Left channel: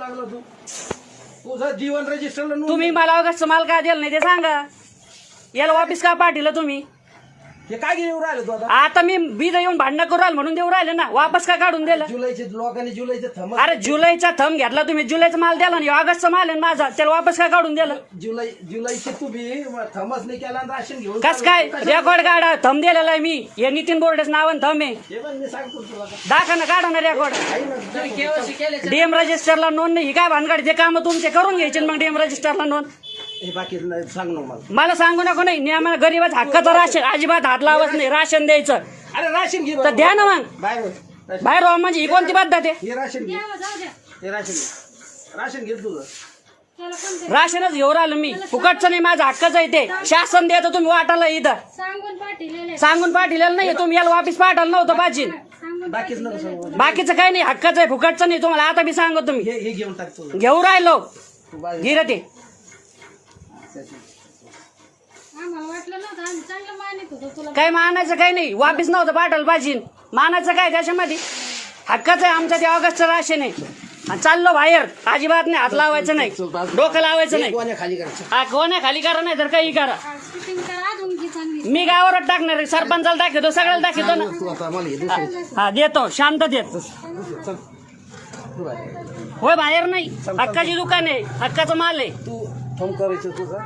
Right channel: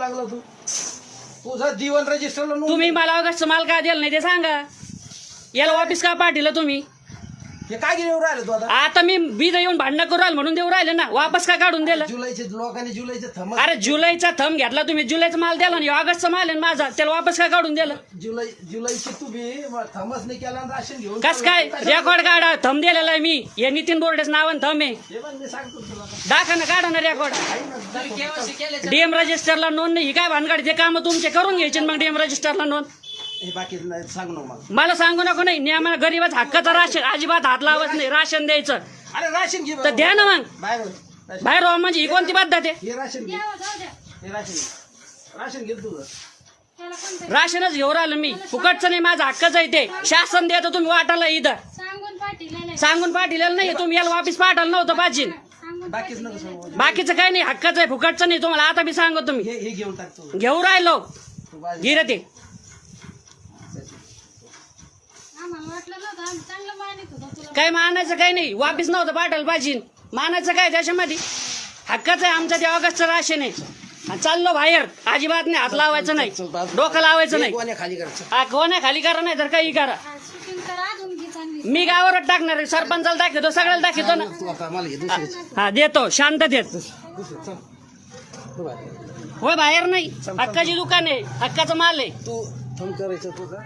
लागला तू तुझं जीवन रजिस्टरला नोंद तुम्ही मला ऑगस्ट माल का दिला नाही ते सांगा. याला वापिस का पाठवलं तुम्ही? हे काय घेऊन राहिलं तू आता? आता मी बीज येऊन भांडणं करू राहिलो म्हणून देऊ राहिले ना. वापस का काढून दिलं? जुलैचे लोकांनी जुलैचे थम अरे जुलैचा थंब घेतला तुम्ही. जुलैचा माल द्याला आणि ऑगस्टचा माल आहे ना माझा, त्याला वापस का काढून दिलं? जुलैचे तुम्ही थमच नाही केला आणि राशन घेऊन कस काय रेकॉर्ड काढा? थंब दिलेला आहे मी. हे नितीन बोर्डेच नावान थंब आहे. हे पण मी सांगतो तुला दाखवा ना, काढा ना रेकॉर्ड. डीएम रजिस्टरला नोंद नाही. ही काय भानगड? ते काम तुमचे करून घ्यायचे मग डीएम रजिस्टरला नोंद. हे बाकी सांग ना मला. मला सांगू नको. नाही नियमाला गरीबाच हक्काचं राशन अजिबात हात लावत नाही. राशन द्यायचं अरे राशन घे तर द्या ना मग. बाहेर बाहेर राहा म्हणजे ही कोणती पद्धत आहे? हे राशन घे. हे राशन घे तुझं. राशनच घेऊन राहिलो मी. फुकटचं नाही, माझं हक्काचं आहे ते. शासन देतं, तुम्ही वाटायला इथं सांगून पाठवलेलं नाही. तुम्ही याला वापिस पाठवलं नव्हतं पाहिजे. बाकीच नको सांगू. बाकीचं काही नाही, हक्काचं आहे, फुकटचं नाही. तुम्हाला आता बी सांगतो तुम्ही. हे घेऊन टाक तू. घेऊन राहिलो तू बाहेर. गिर ते. काही मानायचं काही नाही. वापिस नव्हतं पाठवलं पाहिजे. मानायचं काय त्याच्यामध्ये? हक्काचं आहे आमचं ते. ऑगस्टचं राशन आहे. आणि चाललो बाहेर. अजिबात नाही हात लावायचं नाही, डोकं लावायचं नाही. कोण्या खाली करायचं? हा कोण्या खाली करा नाही तर काही करा. मी गावावरच टाकणार आहे. सरपंचाला दाखवतो, सगळ्याला दाखवतो ना. तू आता मला घे दुसरी. हा देतो, शांततेत. चल तू बाहेर. होय बाहेर नाही. हक्काची दुकान आहे, हक्काचा माल आहे. तू थम करायचं तुझं.